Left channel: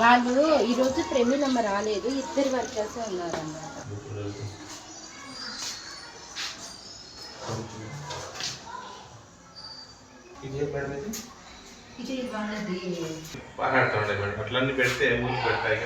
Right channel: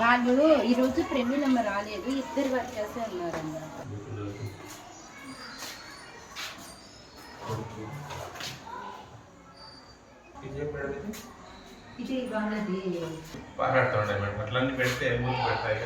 వాళ్ళు ఈరోజు నెంబర్ రాలేదు ఇద్దరు వర్కర్స్ ఉన్నారు అన్నమాట అట్లన్నీ పెడితే మూసి పెడతాయి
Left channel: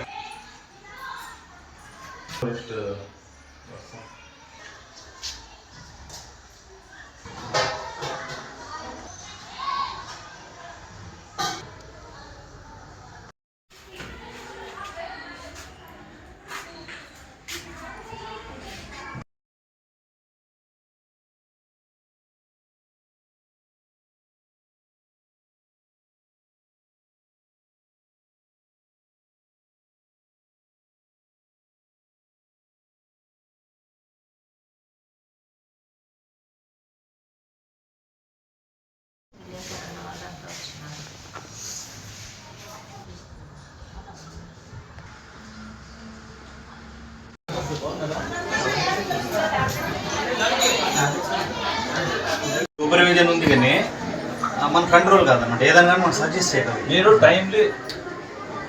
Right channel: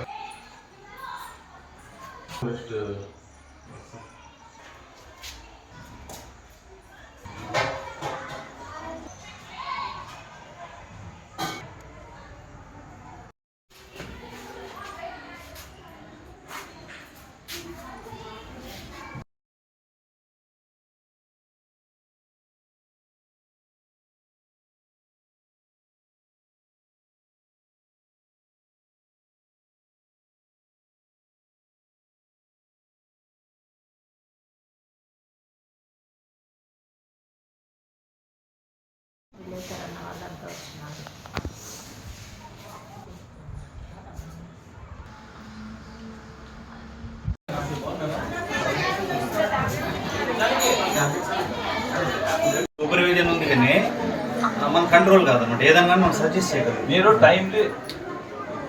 సూపర్విజన్ ఉంది కానీ మన కంట్రోల్ కాదన్నమాట. ఏదన్నా మనం సజెస్ట్ చేయగలం. మీరు టైంలీ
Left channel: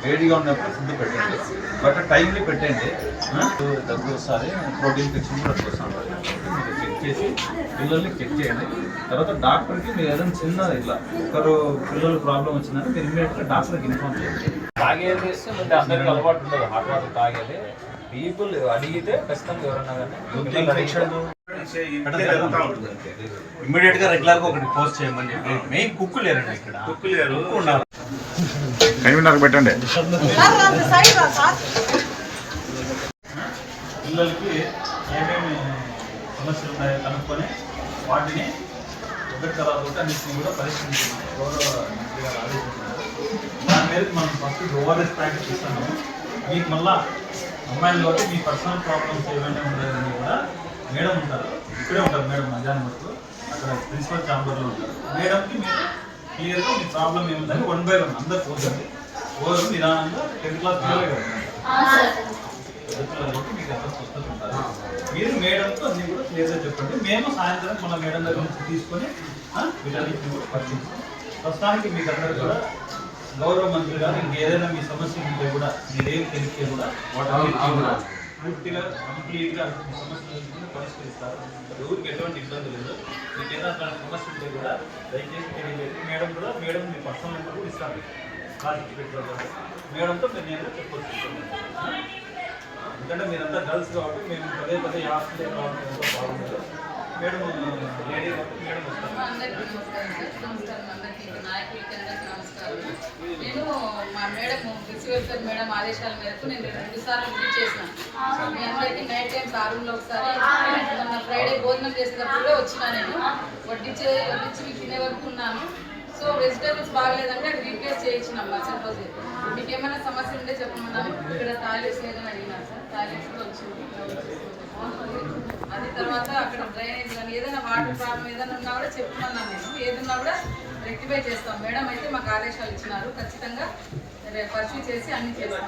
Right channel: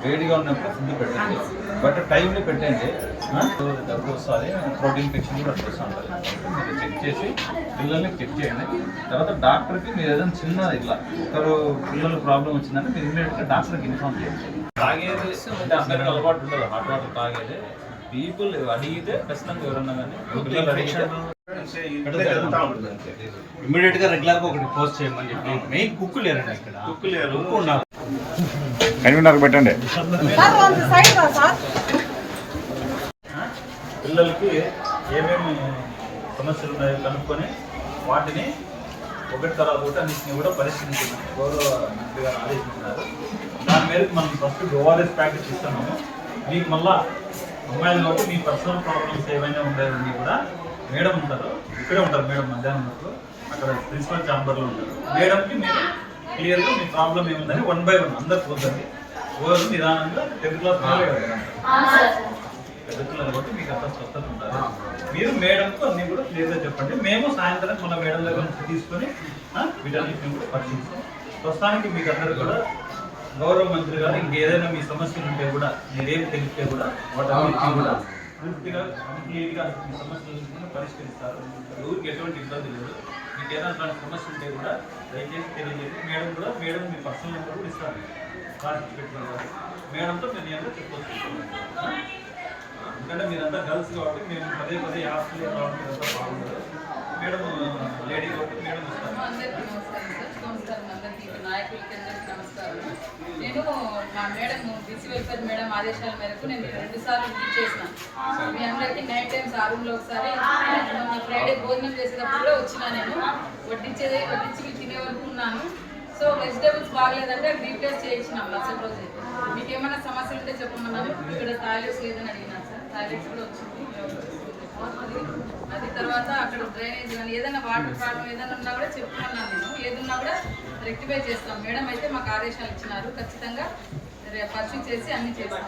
వేడిగా ఉన్నప్పుడు ఫుడ్ పెట్టండి. బట్ టైంలీ పెట్టండి? దగ్గు వస్తుంది ప్రోటీన్ ఇన్ఫెక్షన్ కూడా వస్తుంది మీరు చెక్ చేసి పిల్లల్ని చెక్ చేయండి. తర్వాత డాక్టర్కి మీరు ఏదైనా చిన్న ఇట్లా ఒకరు పిల్లలు ప్రాబ్లం వచ్చిందంటే మీరు ఇమీడియట్గా డాక్టర్కి ఇన్ఫార్మ్ చేయండి. తాగేది అంటే అందరికీ అలవాటు ఉండదు. హాట్ వాటర్ తాగేది. పీపుల్ అడిగితే ఖచ్చితంగా ఎవరన్నా కానీ ఇమ్మీడియట్గా రెగ్యులర్గా ఒకటి పోస్ట్ చేయమని చెప్పి మెయిన్ కుక్ లేరండి ఇక్కడ. కుక్ లేరు. కుక్ ఉండాలి. కన్వీనర్ పెట్టండి. పిల్లలకి ఏమేమి సమస్యలు ఉన్నాయో కనుక్కొని వాటిని ఒకటి తర్వాత ఒకటి అన్నింటినీ కూడా పరిశీలించమని గౌరవ మంత్రి గారు ఆదేశించినారు దాని మేరకు మనం ఫస్ట్ ఓఆర్ఎస్ ప్యాకెట్ ఇస్తున్నాము మీకు మళ్ళా కాబట్టి మీ పర్సనల్ ప్రాబ్లమ్స్ ఏమైనా ఉండేవన్నీ కూడా మేడం ఉంటారు. ఇక్కడే ఉంటారు మేడం మధ్యాహ్నం వరకు. అక్కడ ప్రిన్సిపల్ ఛాంబర్లో ఉంటారు. మేడంకి మీరు క్లియర్గా మీ ప్రాబ్లం ఏముందని వన్ బై వన్ అందరు కూర్చొని ఓవర్ నిదానంగా టెన్త్ క్లాస్ పెద్ద పిల్లలు కాబట్టి మీకు అంత స్వస్థత ఉంటుంది మీరు మేడంతో అన్ని కూడా క్లియర్గా చెప్పండి. మేము సాయంత్రం మన మేడం దగ్గర నుంచి తీసుకొని వీటన్నిటిని కూడా పరిశీలిస్తాం. ప్రస్తుతానికి మీకు అందరూ కూడా గౌరవ మంత్రి గారు ఇంకేదైనా మీ సమస్యలు ఉంటే కూడా మీరేం తెలిస్తే కూడా వాటన్నిటిని కూడా పూర్తిగా కంప్లీట్గా మీ సమస్యలను కూడా పరిష్కరిస్తారు. ఎవరికి ఎటువంటి ఇబ్బంది లేదు. మీకు ఏదైనా అట్లాంటి సమస్య ఉంటే కూడా దయచేసి తెలియజేసి మేడం కూడా మేడం మీ పర్సనల్ నెంబర్ కూడా ఇస్తారు కాల్ పెట్టుకుంటారు మేడంతో మీరు నేను చెప్పొచ్చు? ఎందుకంటే మీరంతా గర్ల్స్ కాబట్టి మేము పదే పదే హాస్టల్ కాబట్టి మీరంతా బాగుండదు. మేడం లేడీ కాబట్టి మేడం వస్తారు అందరికీ నమస్కారం సార్ నమస్కారం అందరికీ నాయకులకి అందరికీ నమస్కారం నేను మా మేడం బిసి వెల్ఫేర్ మేడం ఆదేశాల మేరకు నేను రెండు సార్లు విజిట్ చేసిన. మీ అందరికీ నైట్ టైం ఆ రూమ్లో ఒకసారి ఫ్రైడే భోజనం చేసేటప్పుడు కూడా వచ్చిన నేను. వడ్డించే వడ్డించి మీకు తినే వరకు ఉన్నాను. సో వెజిటేబుల్స్ బాగలేదంటే అది రీప్లేస్ చేయించినాం మరుసటి రోజు. మీకు ఏమైనా సమస్యలు ఉంటే చెప్పమన్నాను. ఇక్కడ టాయిలెట్స్ లేదని అడిగినా సార్. టాయిలెట్స్ కూడా వచ్చింది. అది అది తర్వాత అక్కడ డ్రైనేజ్ కానీ ఏదైనా వాటర్ ప్రాబ్లం ఏదైనా ఉన్నా కూడా చెప్పుకున్నాను నేను. ఏదన్నా కూడా రెక్టిఫై చేస్తాం. మేడం అయితే మాకు ఆదేశాలు ఇచ్చినారు. ఖచ్చితంగా పర్సూ చేసి అన్ని చేస్తాం.